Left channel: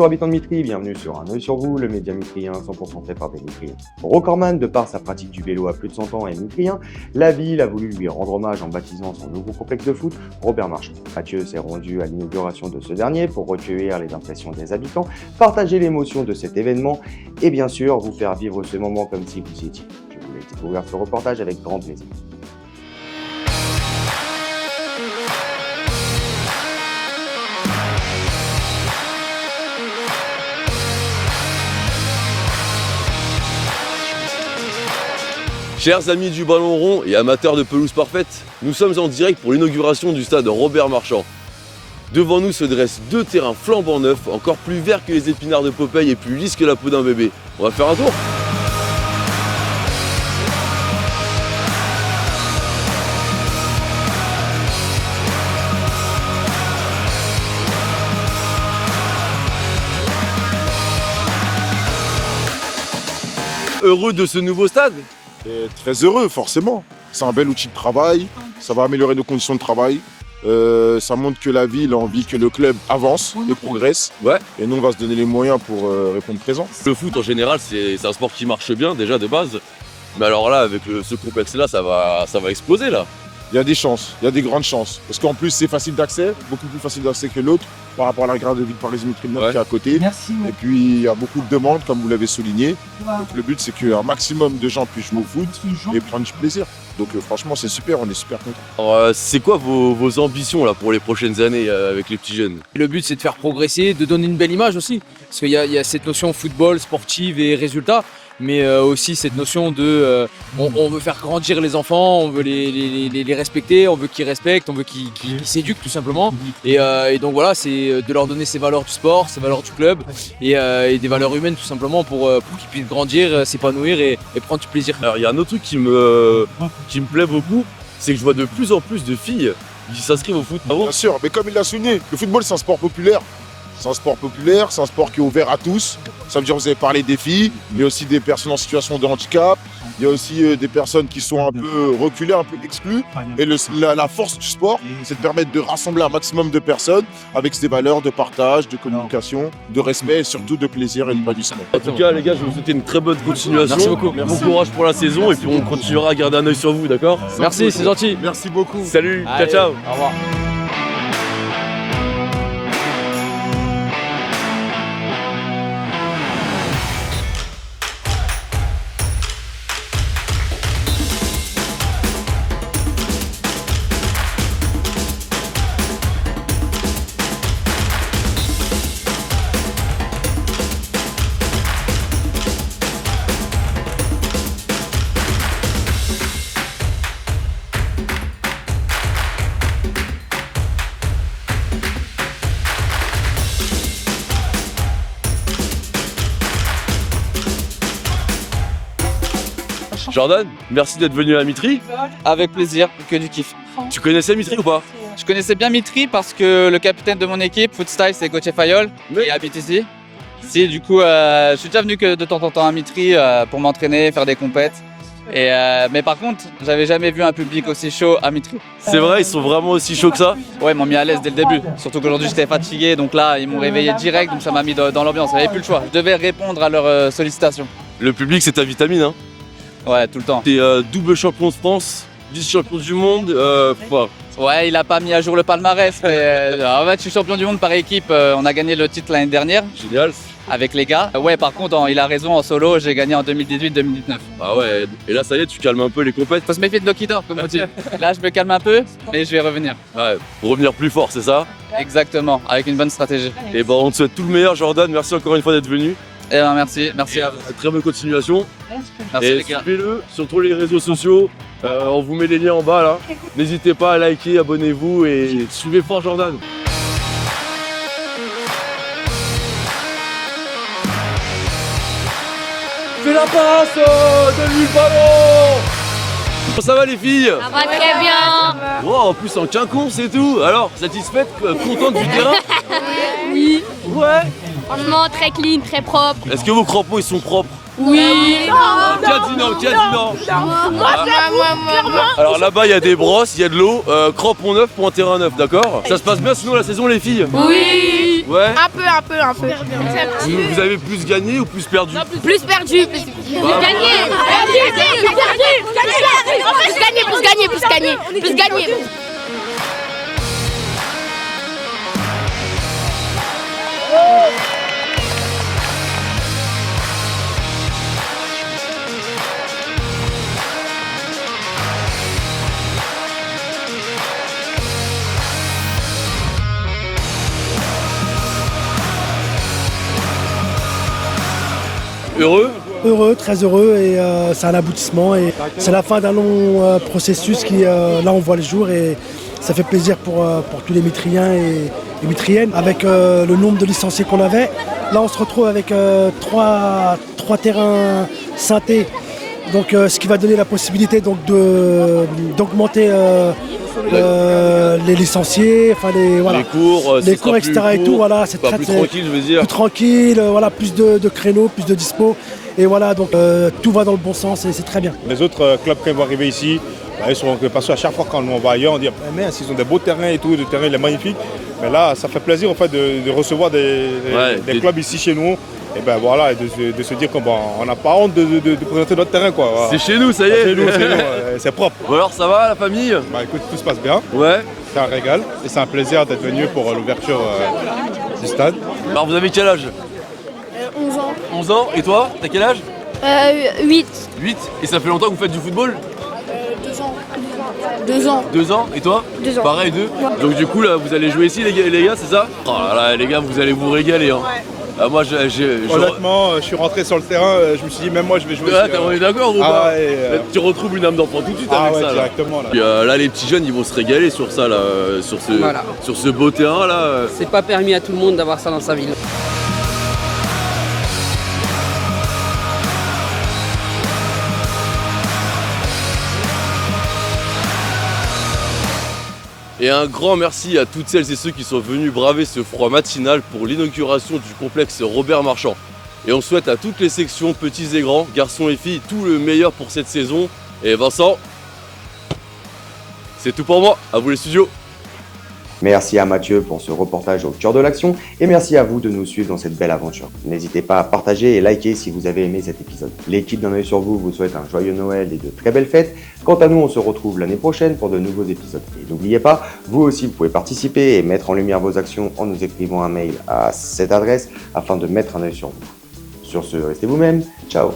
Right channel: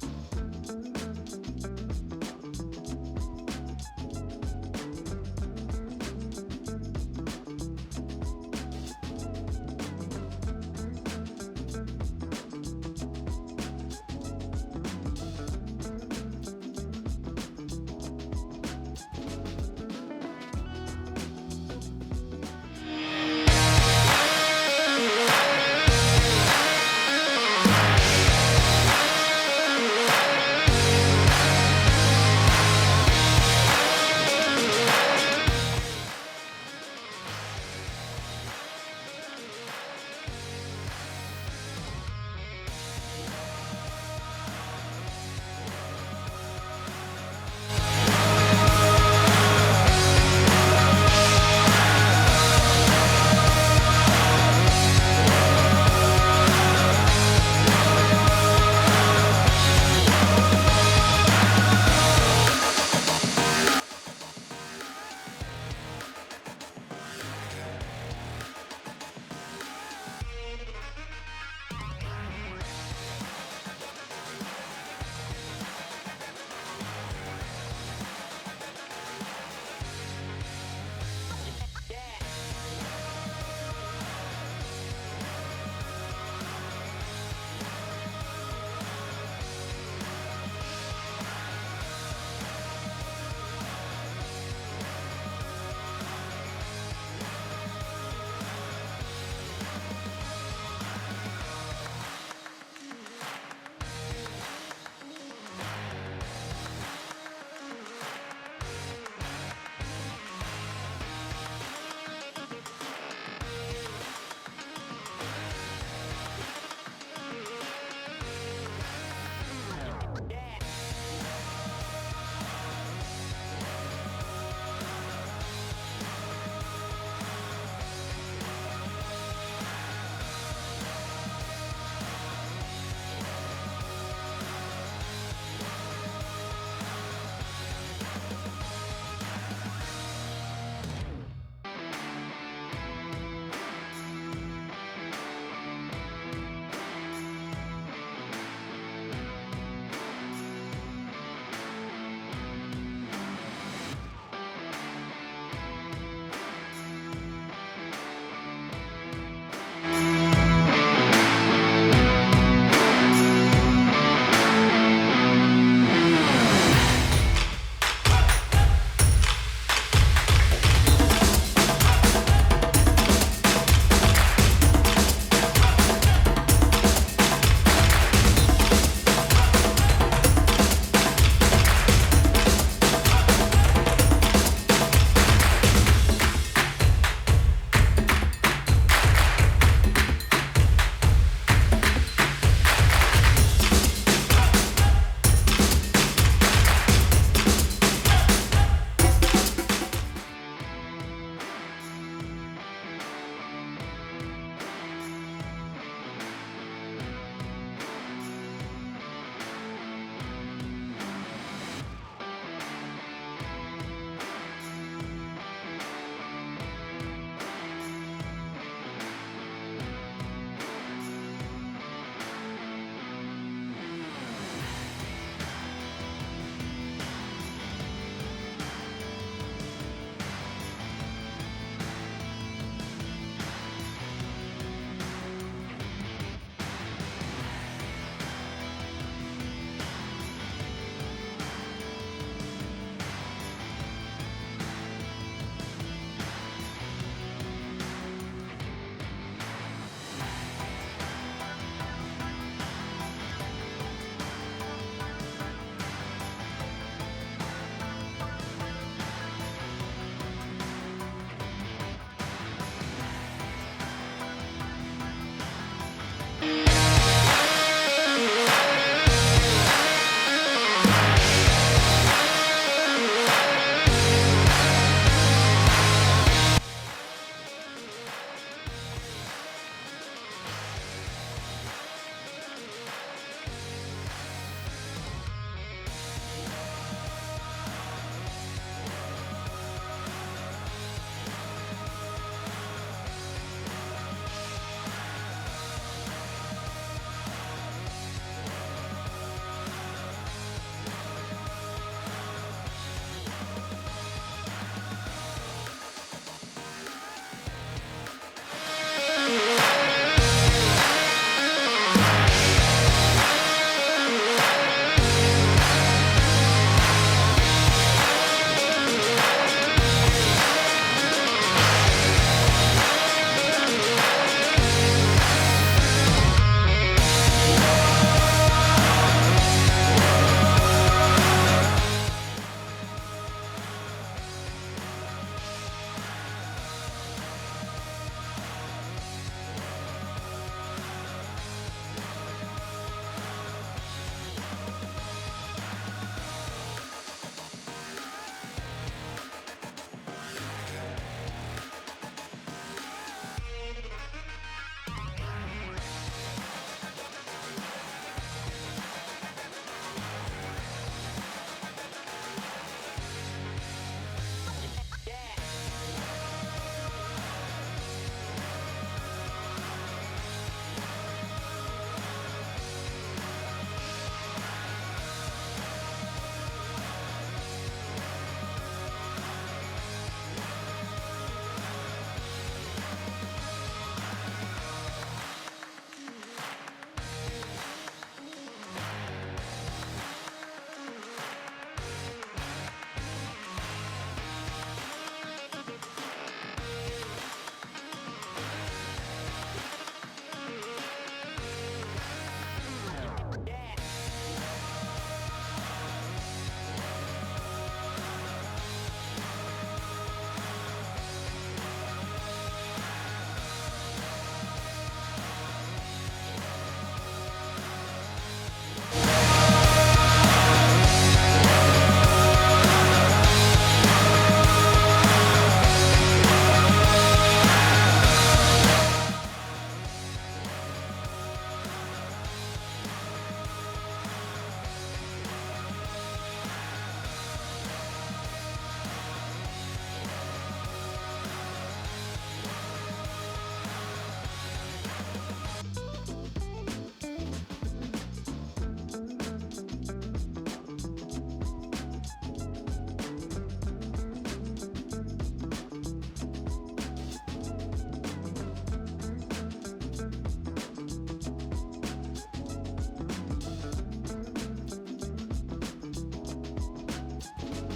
Bonjour habitants de Mitry, bienvenue sur Un œil sur vous, le média mitrien 100% fait par des Mitriens. Rocorman, de par sa pratique du vélo à plus de 100 ans, est mitrien. La ville a voulu lui rendre hommage en baptisant son nouveau complexe de foot, Robert Marchand. Mathieu s'est rendu à l'inauguration de ce dernier pour recueillir les impressions des habitants, partager l'émotion de cet événement et bien sûr vous faire vivre ce moment comme si vous y étiez. Je vous laisse découvrir ce reportage avec grand plaisir. Chers amis du ballon rond et amateurs de pelouse parfaite, nous sommes en direct pour l'inauguration du stade Robert Marchand. Devant nous se dressent deux terrains flambant neufs, encore plus verts que les épinards de Popeye et plus lisses que la peau d'un bébé. On va faire un tour? Heureux de ce nouveau stade? Très heureux, forcément. C'est un bel outil de travail, ça va améliorer nos conditions de travail. Ça montre que la ville a envie que le club avance et progresse. Ouais. Et nous, on va se donner les moyens pour répondre présent. Le foot en général, c'est un sport qui marche bien déjà de base. Mais alors là, avec ce complexe-là, ça va exploser là. Il y a des chances, il y a des grandes chances. Parce qu'en plus, c'est facile d'accès, beaucoup plus facile d'accès que l'autre par rapport à la gare de Ville-Paris-Mitry qui est à côté. Merci. Et puis, il y a beaucoup de demandes, comme vous l'avez souligné. Donc, le but, c'est qu'un maximum de gens puissent jouer au foot et prendre du plaisir. Donc, franchement, c'est super, on est super contents. Alors, c'est quoi vos ambitions là pour les prochaines années avec les petits jeunes? Le but, c'est de faire progresser, de donner une belle image aussi. Parce qu'il y a cette notion football, sportive et résultat, mais aussi cette notion de on veut faire grandir les enfants, on veut les respecter, on veut qu'ils respectent, on veut qu'ils s'éduquent tout simplement. Et donc voilà, c'est de leur donner ces valeurs du sport, ces valeurs du club et des valeurs humaines tout simplement pour qu'ils puissent grandir, s'épanouir et prendre du plaisir. Alors il y a un autre truc qui me plaît beaucoup, c'est que je vois de plus en plus de filles qui s'inscrivent au foot. Ah bon? Bien sûr, mais comme il l'a souligné, le football, c'est un sport populaire. C'est un sport populaire, c'est un sport qui est ouvert à tous. Ça veut dire que vous avez parlé des filles, il y a aussi des personnes en situation de handicap, il y a aussi des personnes qui sont un peu reculées, un peu exclues. Et la force du sport, c'est de permettre de rassembler un maximum de personnes avec ces valeurs de partage, de communication, de respect et surtout de plaisir et d'épanouissement. En tout cas les gars, je vous souhaite une très bonne continuation. Merci beaucoup. Bon courage pour la saison et puis on continuera à garder un œil sur vous, d'accord? Merci, c'est gentil. Merci beaucoup. Salut, Allez, ciao ciao. Au revoir. Jordan, merci d'être venu à Mitry. Avec plaisir, que du kiff. Tu connaissais Mitry ou pas? Je connaissais bien Mitry parce que le capitaine de mon équipe, Footstyle, c'est Gauthier Fayol, qui habite ici. Si, du coup, je suis déjà venu que de temps en temps à Mitry pour m'entraîner, faire des compètes. Mais par contre, j'avais jamais vu un public aussi chaud à Mitry. C'est vrai, ils sont vraiment aussi chauds que ça? Ouais, ils m'ont mis à l'aise dès le début. Surtout qu'aujourd'hui, j'étais fatigué, donc là, ils m'ont réveillé direct, donc ça m'a mis dans l'ambiance. J'avais plus le choix. Je devais répondre à leurs sollicitations. Le public, c'est ta vitamine, hein? Ouais, tout le temps. T'es double champion de France, vice-champion du monde, Ouais, il a pas mis à jour le palmarès, mais en fait, je suis champion du monde par équipe. On a gagné le titre l'année dernière génial. avec les gars. Ouais, par contre, il a raison, en solo, j'ai gagné en 2018-2019. Ah ouais, et là ça y est, tu calmes un peu les compètes. Faut se méfier de Lokidor, comme on dit. Là, je me calme un peu, mais je vais revenir. Ouais, pour revenir plus fort, c'est ça? Exactement, avec une bonne stratégie. Et ben on te souhaite tout le meilleur Jordan, merci encore une fois d'être venu. Et ben merci à vous. Très bonne continuation. Merci Et les gars. suivez-le sur tous les réseaux sociaux, on vous met les liens en bas là. N'hésitez pas à liker, abonnez-vous et suivez fort Jordan. C'est la passe de Louis Ballon. Comment ça va les filles? Ça va très bien. Wow, en plus en quinconce et tout. Alors, satisfaite, contente du terrain? Oui. Ouais. Franchement, très clean, très propre. Est-ce que vos crampons ils sont propres? Oui. Qui a dit non? Qui a dit non? Alors là-bas, il y a des brosses, il y a de l'eau, crampons neufs pour un terrain neuf, d'accord? Ça se passe bien sinon la saison, les filles? Oui. Ouais. Un peu. Vous avez plus gagné ou plus perdu? Plus perdu. Plus gagné. Heureux? Heureux, très heureux et c'est un aboutissement et c'est la fin d'un long processus qui là on voit le jour et ça fait plaisir pour tous les Mitriens et Mitriennes avec le nombre de licenciés qu'on avait. Là on se retrouve avec trois terrains synthés, donc ce qui va donner la possibilité donc d'augmenter les licenciés, enfin Les cours, les cours, etc. et tout, voilà, c'est plus tranquille, je veux dire. plus tranquille, voilà, plus de créneaux, plus de dispo. Et voilà, donc tout va dans le bon sens et c'est très bien. Les autres clubs qui vont arriver ici, ils sont parce qu'à chaque fois quand on va ailleurs, on dit mais ils ont des beaux terrains et tout, le terrain il est magnifique. Mais là, ça fait plaisir en fait de recevoir des clubs ici chez nous. Et ben voilà, de se dire qu'on n'a pas honte de présenter notre terrain quoi. Voilà. C'est chez nous, ça y est. C'est nous, c'est propre. Bon alors ça va la famille? Bah écoute, tout se passe bien. Ouais. C'est un régal et c'est un plaisir d'être venu pour l'ouverture du stade. Alors vous avez quel âge? 11 ans. 11 ans. Et toi? T'as quel âge? 8. 8. Et ça fait longtemps que vous faites du football? 2 ans. 2 ans. Et toi? 2 ans. Pareil, 2. Donc du coup là vous allez jouer ici les gars, c'est ça? Oh là là les gars, vous allez vous régaler hein. Moi Honnêtement, je suis rentré sur le terrain, je me suis dit même moi je vais jouer. On est d'accord ou pas? Ouais, Tu retrouves une âme d'enfant tout de suite avec ça là. directement là. Puis, là les petits jeunes ils vont se régaler sur ça là, sur ce beau terrain là. C'est pas permis à tout le monde d'avoir ça dans sa ville. Et un grand merci à toutes celles et ceux qui sont venus braver ce froid matinal pour l'inauguration du complexe Robert Marchand. Et on souhaite à toutes les sections, petits et grands, garçons et filles, tout le meilleur pour cette saison. Et Vincent, c'est tout pour moi, à vous les studios. Merci à Mathieu pour ce reportage au cœur de l'action et merci à vous de nous suivre dans cette belle aventure. N'hésitez pas à partager et liker si vous avez aimé cet épisode. L'équipe d'un œil sur vous souhaite un joyeux Noël et de très belles fêtes. Quant à nous, on se retrouve l'année prochaine pour de nouveaux épisodes. Et n'oubliez pas, vous aussi vous pouvez participer et mettre en lumière vos actions en nous écrivant un mail à cette adresse afin de mettre un œil sur vous. Sur ce, restez vous-même. Ciao.